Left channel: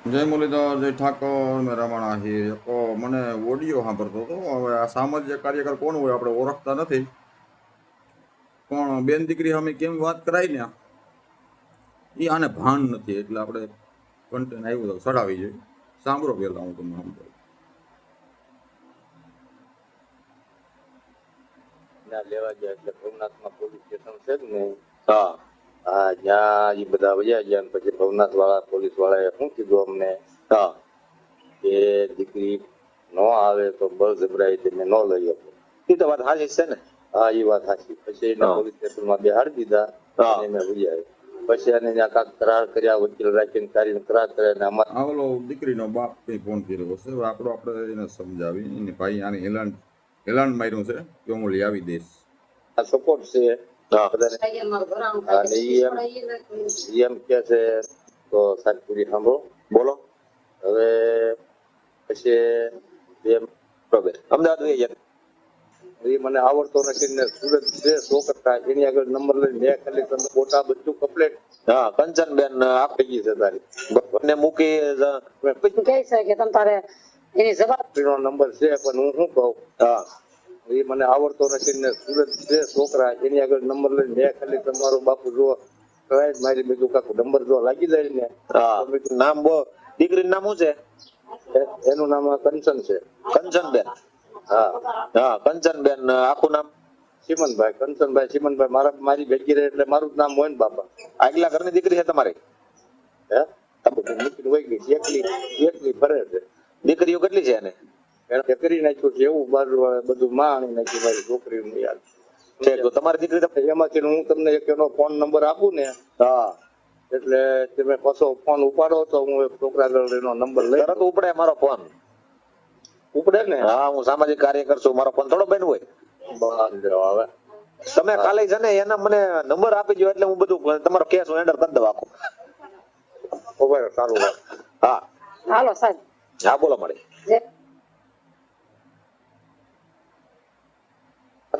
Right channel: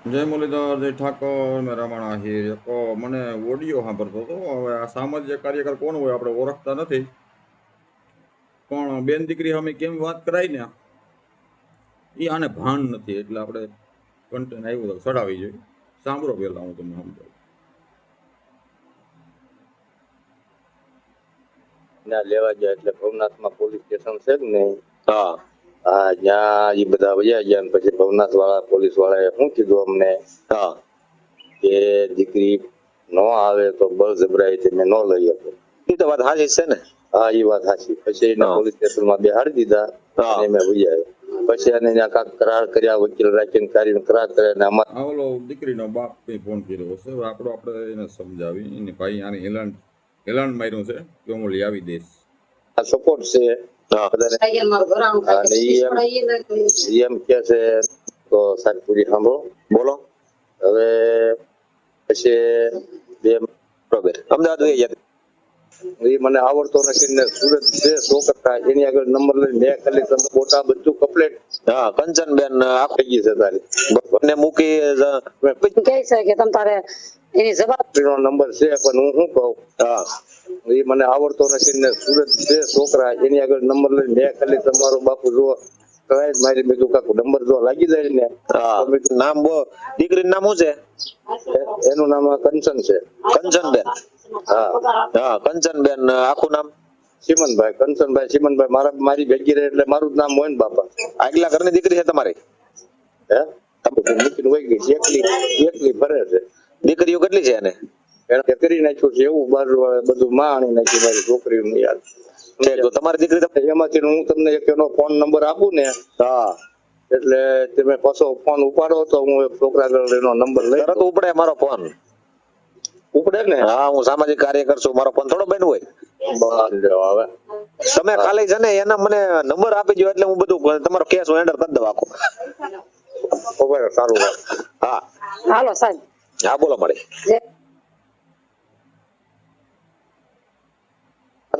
જય મુરલીધર, જય ઠાકોર, મેં રમણ આહિર. મને ઓડિયો સાંભળતો હતો. હવે આ સામાજિક કાર્યકર કોણ હોય આપણે ઓળખતા નથી, પણ બેન દીકરી અમે કેમ વાત કરાય ને એ આને ભાન નથી, એટલે આપણે કન્ટેન્ટ આવ્યું તો ચડાવી જોઈએ. સાંભળો પેલા, હું તમને સમજાવું. ના લેવા ગયા એટલે ભવનાથમાં પોલીસ સ્ટેશન છે જ ને. હા હા, ત્યાં એ બધા વયા ગયા ને પછી ભવનાથ વાળા પોલીસ વાળાએ શું કીધું અમને, હા કે દીકરી નો આવે તો બળજબરાઈથી મેં ન લઈ આપો. એ તો વાત સાચી છે ને. હા, એ વાત સાચી. પછી એને પોલીસ સ્ટેશનમાં બેહાડી દીધા અને મેં વયા પછી એને ત્યાં કાંક કરાર કર્યા, વકીલ રાખીને કરીને કરાર કર્યા ને અમારે આ ઓલો દીકરીનો બાપ કઈ ફોન કર્યો હશે. હવે આપણે એને સમજાવી. એને ભાઈ આને હેલાન માર્યું છે કે હું લઈ આવી દઈશ. સપોર્ટ છે. એમ કે છે તો સાહેબ પૂરી સાંભળો, બોલો. હવે પછી બે બરોબર અમદાવાદ વહી ગયા. એ મને આવડતો નથી ને સુરત છે છોકરા એની આગળ નંબર લઈને મેં ખાલી તમે ફોટા બધું કમ્પ્લીટ. હા, કંચનબેન આપી ગઈ છે તારી ને મૂકી પછી કહે છે કે તમ તારે એની જવાબદારીનો નંબર છે પણ હું શું કહું. હા, એ મને આવડતો નથી ને સુરત છે છોકરા એની આગળ નંબર લઈને મેં ખાલી તમારો બાપુ જો મારી બીજું કાકુ નંબર જો લાગી જાય ને. નામ બો દીકરીનું નામ શું છે? એનું નામ કંચન છે. કંચનબેન. હા હા, કંચનબેન આખું નામ ચીમનભાઈ. કંચનભાઈ ચીમનભાઈ મારી ભેગી રહે એટલે મારું જ નામ હોય ને બાપા. આગલા ઘરની દીકરી છે તમારી? હે મૂકીને વહી ગઈ. એકલી ફરે છે. દીકરીઓ કેટલી છે એને? એને કરી નાખ્યું છે એવું બાજુ બધું માણી નાખ્યું મારી છોકરીનું યાર. તમારી દીકરી એમાંથી હું તમને એક એનો ફોન નંબર આપું ને. હા, એટલે તમે પાછો ફોન ઉપાડો તો હું એક છોકરા એનો નંબર લઈ. તરત ઉપડે મારો ફોન? ઉપડે ને. હા, હું સામાજિક કાર્યકર છું, મારો ફોન થોડો બેન હોય. હવે તમે કાલે છે ને એના મને નંબર આપી દો એટલે હું બધું તમારો કેસ હેન્ડલ કરી દઉં આખો. સારું. હા હાલો સાહેબ. હા બોલો મારી.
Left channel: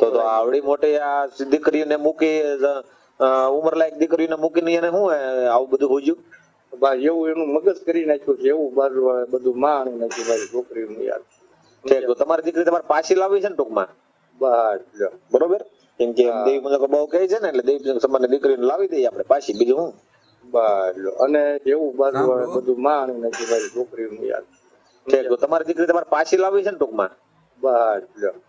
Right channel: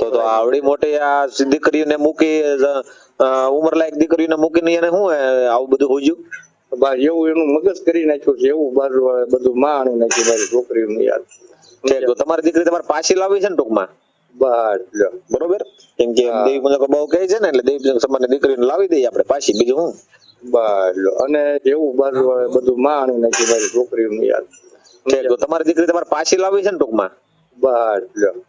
તો આવડી મોટી આ દીકરીને મૂકી ઉંમર લાયક દીકરીને મૂકીને એને શું આવું બધું હોજ્યું? એવું એનું મગજ કરી નાખ્યું છે એવું બાજુ બધું માણી નાખ્યું મારી છોકરીનું યાર. તમારી દીકરી તમારે પાછી લાવી છે ને ટૂંકમાં? બરોબર. કેમ કે દેવી મુજબ બહુ કહે છે ને એટલે દેવી સમાન દીકરીને લાવી દઈએ આપણે પાછી, બીજું હું. અને એવું બાજુ બધું માણી નાખ્યું મારી છોકરીનું યાર. તમારી દીકરી તમારે પાછી લાવી છે ને ટૂંકમાં?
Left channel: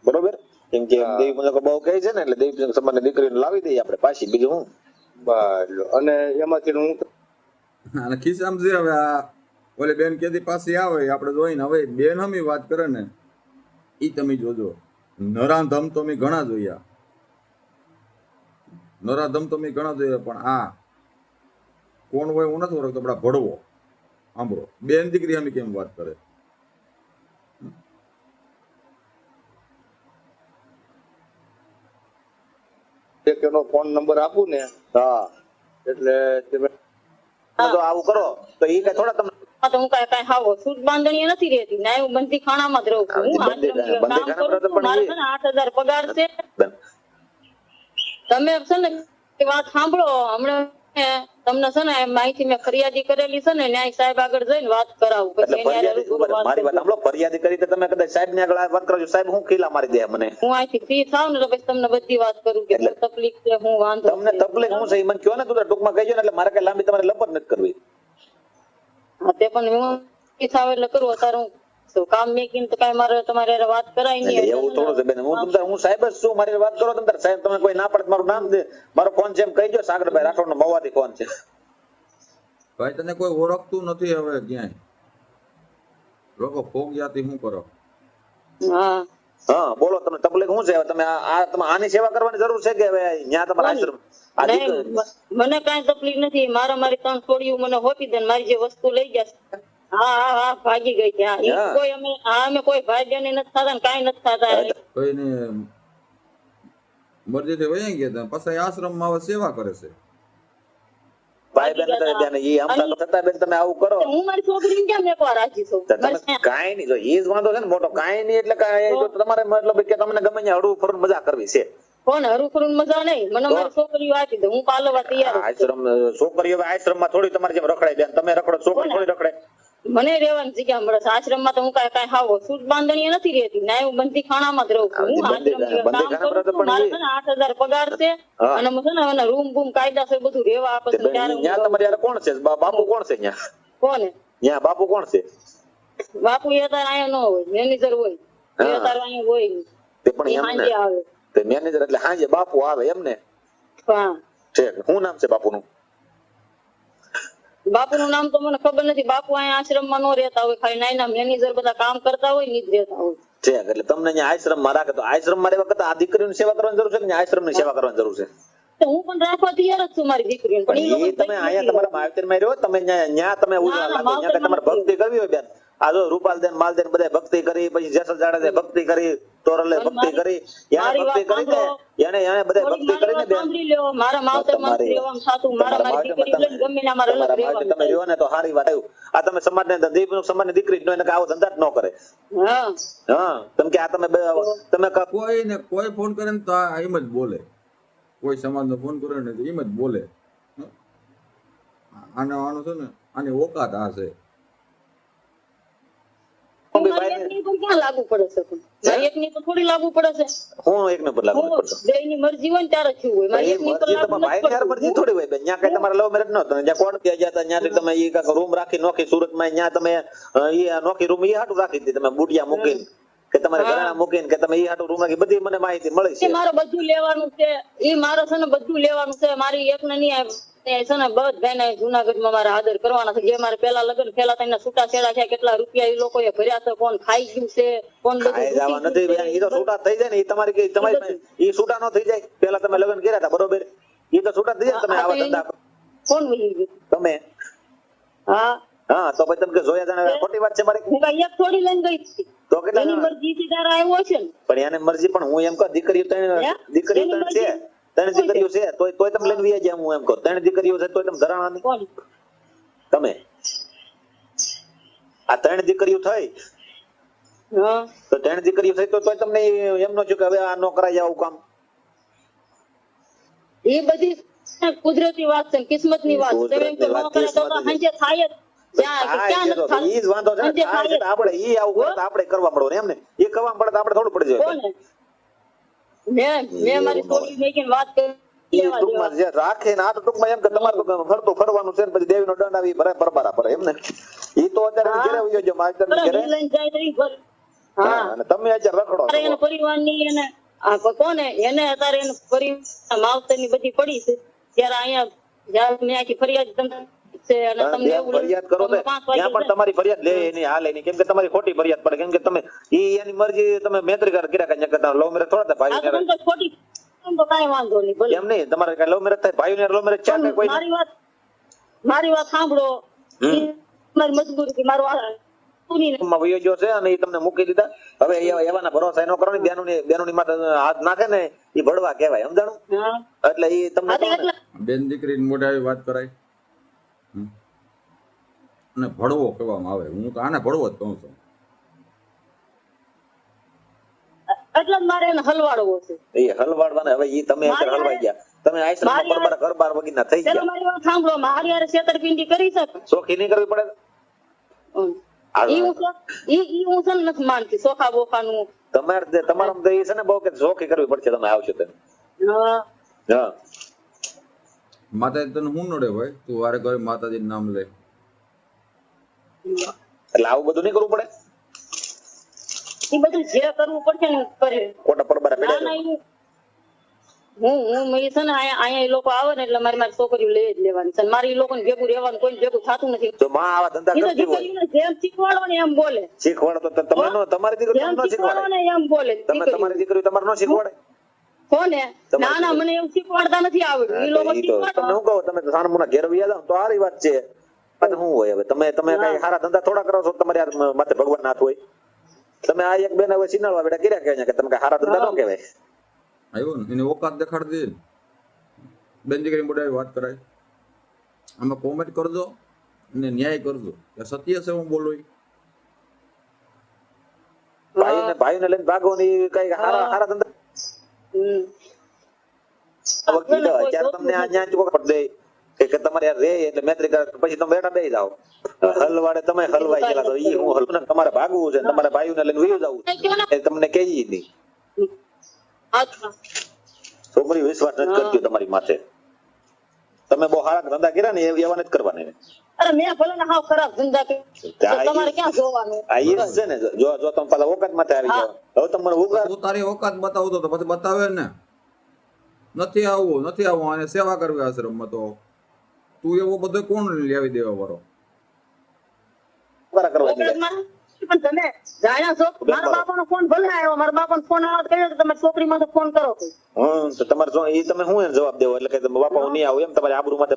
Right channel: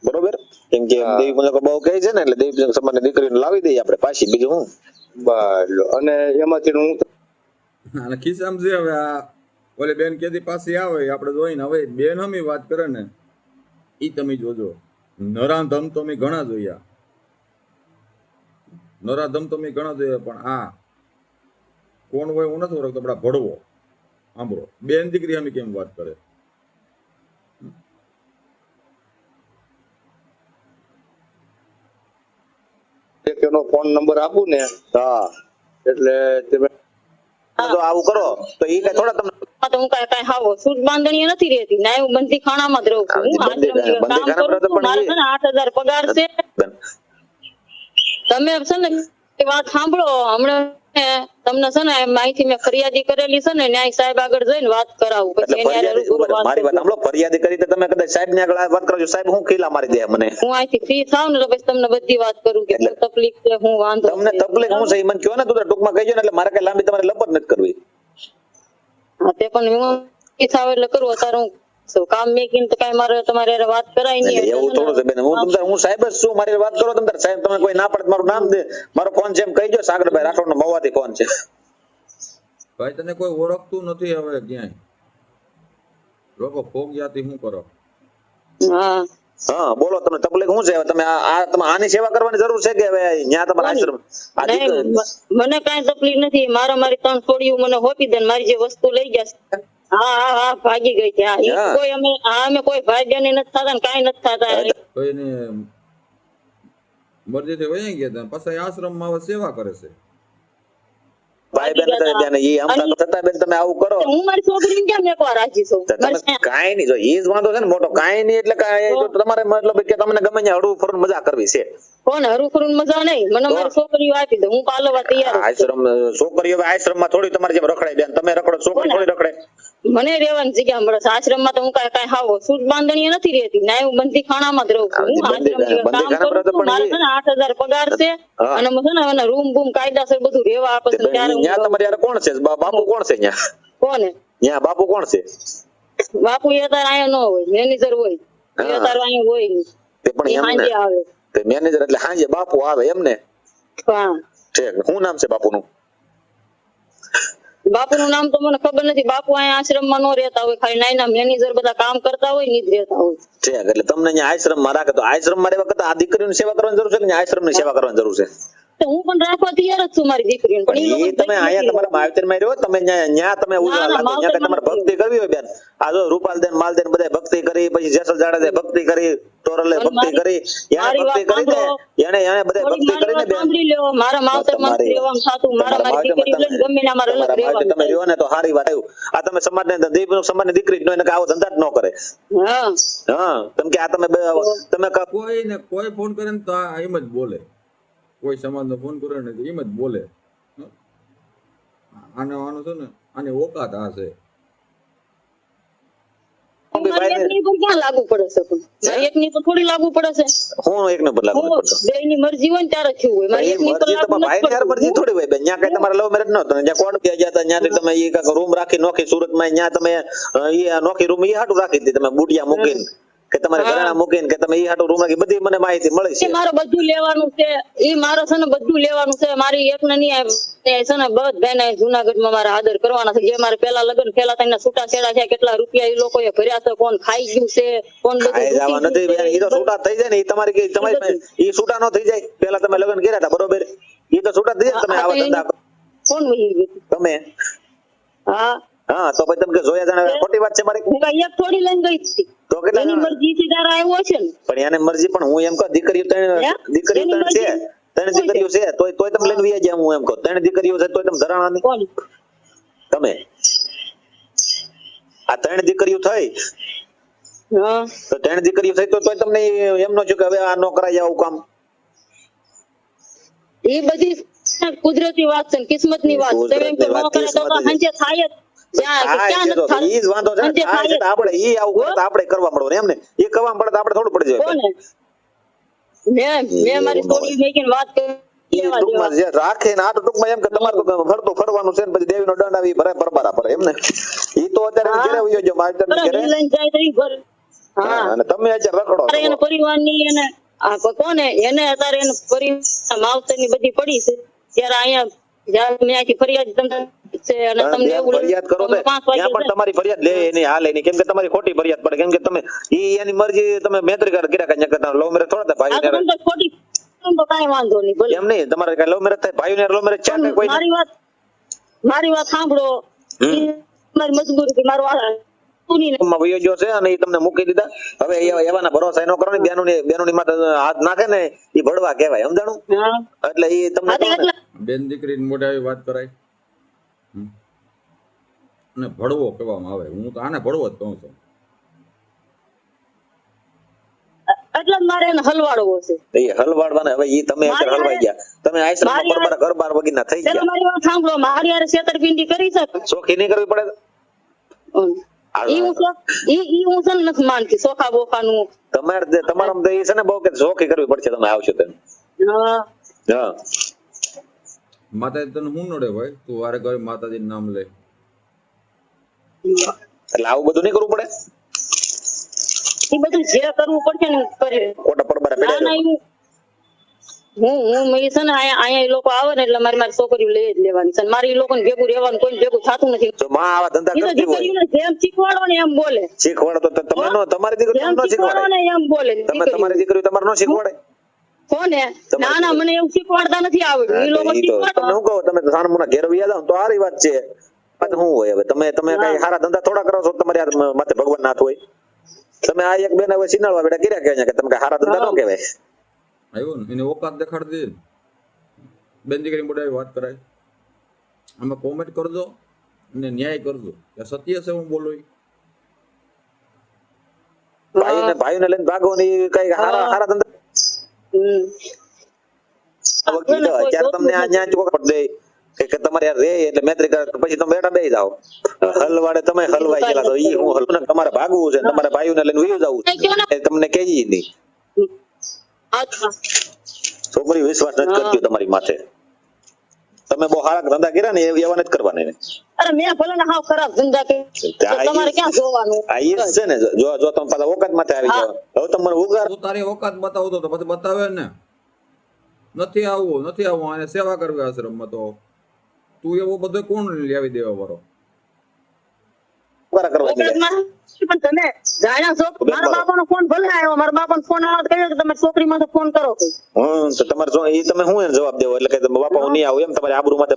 બરોબર. કેમ કે દેવી મુજબ બહુ કહે છે ને એટલે દેવી સમાન દીકરીને લાવી દઈએ આપણે પાછી, બીજું હું. અને એમાંથી હું અને ખિસ્સામાં છે. હવે આ ઓલી બેન કેદી પાછી આવે આપણે જોઈને. હવે બેન હમી વાત કરે ને ઈ તમે જોજો. નરાધમ તો મેં ઘણા જોયા, નરાધમ તો મેં ઘણા જોયા, પણ આ કોણ હોય હું નથી ઓળખતો. આપડા ભડવો સાંભળો, બેન દીકરી અમે કેમ વાત કરે. એનો ફોન નંબર આપું ને. હા, એટલે તમે આવું કરો તો ઈ કઈ થોડા તમને હું કઈ હાવ સૂટ બાંધણી નથી રહેતી ના, હું બંધી ખાણામાં જ રહું છું. હું કામ કરું છું, મારે છે ને 8,000 પગાર છે. તમે છે ને વાત સાંભળો. હમણાં તમને છે ને માહિતી મેં ફરિયાદી કરેલી છે ને, ન્યાય સાહેબ આગળ જઈને વાત કરાવું. પછી મારી વાત સાંભળો. ફરિયાદી કરી તો તમે કદાચ સાહેબ ની આગળ વાત કરો છો, સાહેબ હું ખીલા મારી દે મને. હું અહીંથી ફ્રી થાવ ને તો પછી તમને બધી વાત કરું કે તકલીફ છે, હું વાંધો તમને તકલીફ હું છે એ મને કહો ને. તું ટૂંકમાં કહેજો ને એટલે મારે કઈ લાંબી તમારે લપટ નથી કરવી. હા, તે પણ હું ફ્રી થાવ એટલે કરું. અત્યારે હું કામ મેકીને તો કઈ મારે તમારે વાત કરાય નહીં. એવું થોડું છે બેન. હું સાહેબ જ છું, મારી વાત કરો તમે. સાહેબ તમે કોઈ ના પડે મારું નામ દે, મારો ફોન છે એમ કહીજો. સાગરભાઈ રાઠોડ નો મવાથી ફોન છે. ભાઈ તને કોઈ ઓળખતું નથી હવે ક્યાંય. લોકો ફોગ જાતી શું કરો? હા હા, બોલો. તમને તકલીફ શું છે? તમે તમે આની સેવા કરવાની જરૂર છે કે હવે ન્યા તમારા આશ્રમ? મને કઈ તકલીફ નથી. મારી 3 છોડીઓ મને હોપી દે, મારી જે વસ્તુ લઈ જશે. હા હા હા, ભાગી ગઈ છે. કોઈ અમે કોઈ ભાઈ બહેન નથી થતા ને કઈ નથી થતા. કોઈને મરજીથી વહી ગયા પછી આશ્રમમાં હવે સેવા કરે છે. ભાઈ બેન થતા બેન તમે આવું કરો. હું મારી છોકરીને કેમ એકવાર રાખી છું? કાંઈ નહીં. જો ઈ જ વાંધો છે ને મોટો. કાંઈ નહીં એટલે તમારે મતલબ કે તમને ગમે ત્યાં હળવું ફરવું મજા કરવી છે. કોને હરું ફરવું મજા નહીં? મને મારી છોકરીઓ આપી દે, હું પાલવા તૈયાર. આશ્રમ છોકરીઓ આશ્રમમાં થોડી તમારે જેમ રખડે બેન. તમે રખડો, છોકરી થોડી રખડે. મને રહેવાની જગ્યા મળે છે. આશ્રમમાં તો હું કાંઈ હાવ સૂટ બાંધણીએ નથી રહેતી, ના હું બંધી ખાણામાં જ રહું છું. હું આશ્રમમાં કામ કરું છું, મારે છે ને 8,000 પગાર છે, અને મને છે ને રૂમ બૂમ કાયદાસર બધું રહેવા આપે છે. ત્યારે હું ન્યા તમારે યાર કોણ છે? બાપુ કોણ છે ન્યા? કોને ન્યા બાપુ કોણ છે? બાપુ એ તાર અહીંયા ન હોય, મેનેજર હોય, એ તાર અહીંયા હોય નહીં. તે પણ એ એમને સાંજે આવે. તે મેનેજર એટલે સાંજે બાપુ આવે એમને? હા, ઠીક. શું નામ છે બાપુનું? બાપુનું નામ તો મને ખબર નથી. બાપુ અહીંયા આશ્રમમાં ન રહેતા હોય, ખાલી નાના મેનેજર બધા કામ કરતા હોય ની જ રહેતા હોય. ઠીક. એટલે તમને અહીંયા આશ્રમમાં રાખે તો આશ્રમમાં રહેવા કરતા આ દીકરીની સેવા કરવાની જરૂર છે કે આશ્રમની સેવા કરવાની જરૂર છે? તો હું પણ રાખવા તૈયાર જ છું મારી દીકરીને, પણ પણ ઈ એ તમે અહીંયા તમારા માવતરમાં રહ્યો, તમે ન્યા તમે ઉજવા લાગો, ન્યા કઈ તમારે ભક્તિ કરવી હોય બેન? આ જો રૂપાલદેન માલદેન બધા ભક્તિ કરી, પછી જેસલ જાડેજાએ ભક્તિ કરી, તોરલે ભક્તિ કરી, યાર ભક્તિ કરી ને એને બધા ભક્તિ કરીને બેન સાંભળી લ્યો. મારા માવતરમાં નથી રહેવાનું થાતું. મારી દીકરી લઈને ગમે ને અમારે અલગ રહેવાનું. તમે રહ્યો ને તો સારી વાત આવ્યું. આ તમે સમાજની દીકરી નો એને આવો ધંધા જ ન કરે. હા, હા, કેમ કે આ તમે કોઈ ફોન કરે ને તો આ એમ જ બોલે, કોઈ સમાજનો ફોન કરે ને તો એમ જ બોલે. આનો છે ને આની ઓકાત આ છે. મારી એકની પર ક્યાં લાગુ પડે છે? મારી એકની પર થોડી લાગુ પડે છે. હું એકને પર લાગુ પડતો. બેયની મરજી હોય ને ત્યારે થયું હોય. મારી એકની પર લાગુ નથી ભાઈ યાર મરજી થોડી હોય બેન. ન્યા કઈ તમારે લવ મેરેજ નતો, જ્યાં કોણ કે ગયા હતા ત્યાંથી તમે ઈ કાક રૂમ રાખી નોખી સુરતમાં, ન્યા તમે ઈ નોખી રૂમ ઈ હાટું રાખી હતી તમે બુડિયા મૂકીને કે તમારે ઘરેણા મૂકીને કે તમે ઈ હાટું રૂમ રાખી, બધી મને માહિતી મળી છે. મારે બધું લેવાનું છે. ઈ મારે છે ને બધું લેવાનું છે. મારી એકને નહીં આવે છે ને બધાને જુનાગઢમાં મારે આદર કરવાના છે. જે મારે પેલા લગ્ન પેલા તને છૂટા છેડા છે, કેટલા રૂપિયા ઈ લોકોએ ભર્યા છે, કોણ ખાઈ ગયું છે, કોણ ખાઈ જવા નથી બેન. ઈ તો છૂટા થઈ જાય ને, ઈ તમારી ઈ છૂટા ન થઈ જાય. પેલા તમે લગ્ન કર્યા હતા બરોબર, ઈ તો છૂટા થઈ જાય. તમે આવા ધંધા કોણ વહી ગયું તમે? હા હા, તો પછી તમે કે જોયા જાણે ખોટી વાત છે મારી? હું કઈ એક થોડી લઈને ગઈ હતી. તો કેટલા એની મરજી થી તારા આવ્યો છે ને. પણ એને મરજી, પણ હું એમ કહું દીકરીઓ ત્રણ છે, ત્રણ દીકરીઓ છે, તોય તમે લઈને વ્યા જ્યાં. હું એમ કહું ત્રણ દીકરીઓ છે તોય તમે ધરાણા નહીં કોણ? તમે? આ ત્રણ દીકરીઓ થઈ હા, તો ત્રણ દીકરીઓ થઈ તોય તમને એમ ન થયું કે હવે આ ન કરાય આવું કામ? એ બધી કુદરતી વાત છે, કિસ્મત ની વાત છે. એમ કે ન કરે તો સાંજે થાય જ. ઈ જ વાંધો છે ને, થાય છે તો આપણે ઈ આવું કરે તો આપણે કરવા મળો એમ ને. એ કરવા પડે તો આપણે થોડું પડી જાય. મેં મારી સ્ટોરી મેકીને વાત કરી. ટૂંકમાં જે રાખે ને આ તો ટૂંકમાં એમ કે તમારે ફરતું ફરવાનું છે ને પછી દેવીનો દંડ આવી ભરે પરબારા ભરે એમ ને. ઈ તો અત્યારે ઘરે વયો ગયો મારે ઘરે. લઈને જાય તો ઈ ઘર. હા, અને તમે અત્યારે રખડો છો. એને પરિવારની એને કોને એને અત્યારે એને પરિવાર માવતરની બધી પડી છે. ત્યારે અહીંયા જ્યાં મેં આખી ફરિયાદ છે અને તમને એવું ફરિયાદ કરો તો ત્યાં પણ તમારી ફરિયાદ લે નહીં, હાલે નહીં, કેમ કે તમારી ખોટી ફરિયાદ પડે. કેમ કે તમે ઈ એની મરજી તમે મેત્રી કર્યા કરતા લવ મેરેજ થોડા થાય ભાઈ ખોટી તો કાંઈ વાંધો નહીં. ભલે એમ નહીં, તમારે કઈ લવ મેરેજ થાય, ભાઈ ને લવ મેરેજ છે કે કોઈ? મારી વાત સાંભળો. મારી મજબૂરી મારું વયો ગયો છે અને ઈ તમને મૂકી દીધા. હવે એવાના ભરોસા ન કરો ને. બેનોની માથે હાથ નાખે ને ઈ ભડવા કહેવાય, સમજાણું? એટલે ઈ તમને બેન દીકરીની મોઢે આવી વાત કરાય અને ભડવો કહેવામાં આવે. હું તો આને ભડવો જ કહું છું. એટલે મારે એને હલવાડવો છે. એ હલવાડવાના. હવે ઈ તમે અત્યારે હલવાઈ ગયા. તમે આશ્રમમાં ઘર-બાર વગીના થઈ ગયા. મારી વાત સાંભળો. મારી યાર છેતરપિંડી કરી છે. સોખી નહીં કરવી પડે? ઈ હું છે ને નથી માનતી સોખા બોખાનું. તમારા તો ઈ છે ને બહુ કે સોખી કરવી પડશે તમે આવશો તેમ. હા, માતાજી તને શું નડે ભાઈ? તું વારે ઘરે માતાજીનું નામ લે. એટલે આવું બધું નહીં કરવું પડે? ઈ બધું જે કરવું પડશે ને કરે. ખોટા પડબારા પડ્યા હું છે ને અહીંયા ઈ લોકો આવે ને એટલે મારી છોકરીઓ લઈ જ લેવાની છે. મારી લોકો ને ભેગું રહેવાનું કોઈ ભેગું થતું નથી. તો માં આવા ધંધા કરતી હોય, જેમ શીખવાડો ને એમ બોલે. શીખવાડો તો તમે તમારી દીકરી ન શીખવાડે ને એમ બોલે. તમે તમારી દીકરી તમારે ન શીખવાડે? કોને? ના મને એવું શીખવાડતા નથી આવડતું. ઈ લોકો શીખવાડે. હું કહું તમે સાનમુના ઘેર વ્યા જાવ તો સારી વાત છે. પણ શું હોય હવે તમે કઈ સારા ધંધા થોડા કરો છો? તમારે માથે ભગવાન નાથ હોય. તમે આ એક બેન હવે સિનાળવા બેટા કર્યા કે તમે કઈ સારા ધંધા ન કહેવાય. આવ્યો ને એને ઓકાત દેખાડી દે. બેન દીકરી મોઢે આવી વાત કરાય. આમાં કોમેન્ટ કરજો અને ન્યાય કરજો કે સત્ય છે હું બોલું. ભાઈને લઈને ભાગો ને કઈ સારા ધંધા ત્યારે તમને આ ન્યાય ચોખવટ દે કે તમારે યાર રે એટલે મૈત્રી કરે તો પછી તમે બેઠા બેસી જાઓ હલવાડે તમે હલવાઈ ગયેલા તો ઈ હું હલવું ને તમારે ભાગવું છે ને તમારા ભાઈઓને લઈને વયું જવું છે એ તમને કેજી નહીં અચ્છા છોકરી વિશ્વાસ નથી કરતી તમારી માથે તમે બહુ સારા ધંધા કર્યા ને એવા નથી કરવાના એને અરે મેં ભલે ને હાવ ખરાબ ધંધા કે તમારે ક્યાં જોવાનું આ ઈ જ છે ને જો તમે પાછા ઓકાત માથે આવી જાવ હવે તમારે ઉગાર તું તારી ઓકાત બતાવતો તો પછી બતાવે ને નથી આવવું અને સેવા કરવી આશ્રમમાં તો તું એવો બધો કોણ લાવી દેવા વાળો ઉગારા કરવા દે પણ તમે જાણ્યા છો મારા બાપાનો ફોન ભલે આવ્યો મારા બાપાનો ફોન આવ્યો તો કહ્યું કે તમે છોકરીમાં તો ફોન કરો તો તમારે ઈ તમે શું એને જવાબ દેવો એટલે કે બાપા હું નહીં આવું એમ તમારે આબરૂ માથે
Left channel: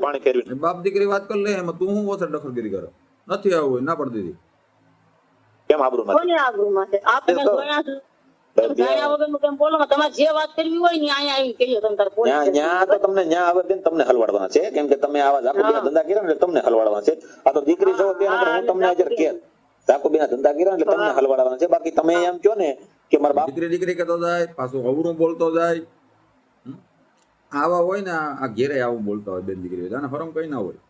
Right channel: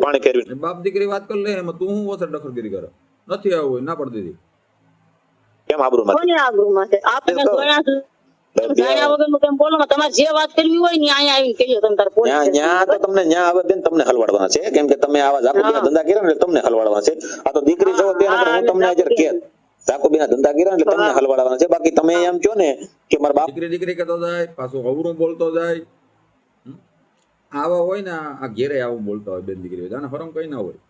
પાણી ફેરવી બાપ દીકરી વાત કરી લે એમાં તું હું ઓછર દખલગીરી કરે નથી આવવું ના પડી દીધી કેમ આબરૂ માથે કોની આબરૂમાં છે આપણે જોયા છે જાણ્યા વગરનું કેમ બોલો તમારે જે વાત કરવી હોય ને અહીંયા આવીને કહીએ તમે તાર પોલીસ ન્યા તો તમને ન્યા આવે બેન તમને હલવાડવાના છે કેમ કે તમે આવા જાકુ બીના ધંધા કર્યા ને એટલે તમને હલવાડવાના છે આ તો દીકરી છો ત્યાં હું તમને અજર કે જાકુ બીના ધંધા કર્યા એટલે તમને હલવાડવાના છે બાકી તમે એમ કહો ને કે મારા બાપ દીકરી કહેતો જાય પાછું અવરું બોલતો જાય આવા હોય ને આ ઘેરે આવું બોલતા હોય બેન દીકરી જાણે હરમ કઈ ના હોય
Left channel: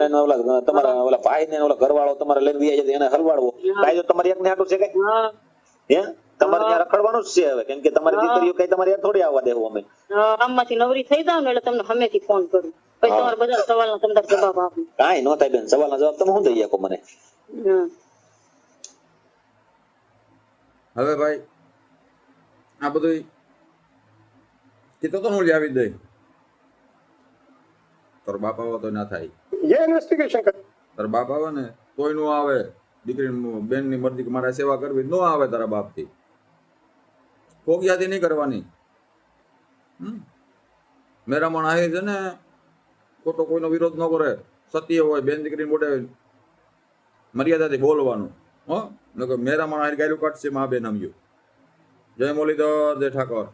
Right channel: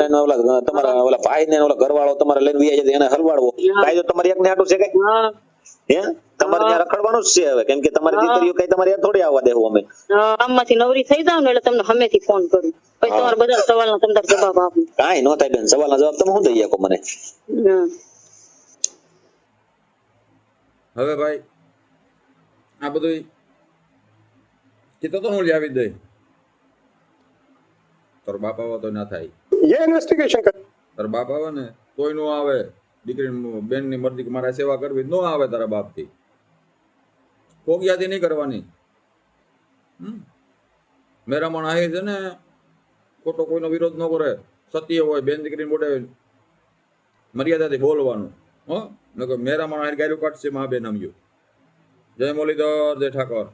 ઓલા તમારા ઓલા ભાઈ ને ઓલા ઘરવાળો તમારે લઈને વિયા જાય એને હલવાડવો કાયદો તમારે એક ને આટું છે કઈ હે તમારે ત્યાં રખડવાનું જ છે હવે કેમ કે તમારી દીકરીઓ કઈ તમારે થોડી આવવા દેવું અમે આમમાંથી નવરી થઈ જાવ ને એટલે તમને હમેથી ફોન કરું પછી તમારા બધા સવાલનો તમને જવાબ આપું કાંઈ ન થાય બેન સવાલના જવાબ તમે શું દઈ શકો મને હવે ભાઈ આ બધું કીધો તો હું લાવી દઈ તારો બાપ આવે તો ના થાય ये इन्वेस्टिगेशन कर તારા બાપ આવે ને તોય નો આવે દીકરી બેન ની મરજી કે મારે સેવા કરવી નો આવે તારા બાપ થી કોગિયાથી નહીં કરવાની મેરામણ આહે છે ને ખોટો કોઈનો વિરોધ ન કરે સત્ય હોય બેન દીકરી મોઢે મર્યાદાથી બોલવાનું હો નકર મેરામણ આહે ગાયલું કાઢશે મા બેન આમ્યું જય મુરલીધર જય ઠાકોર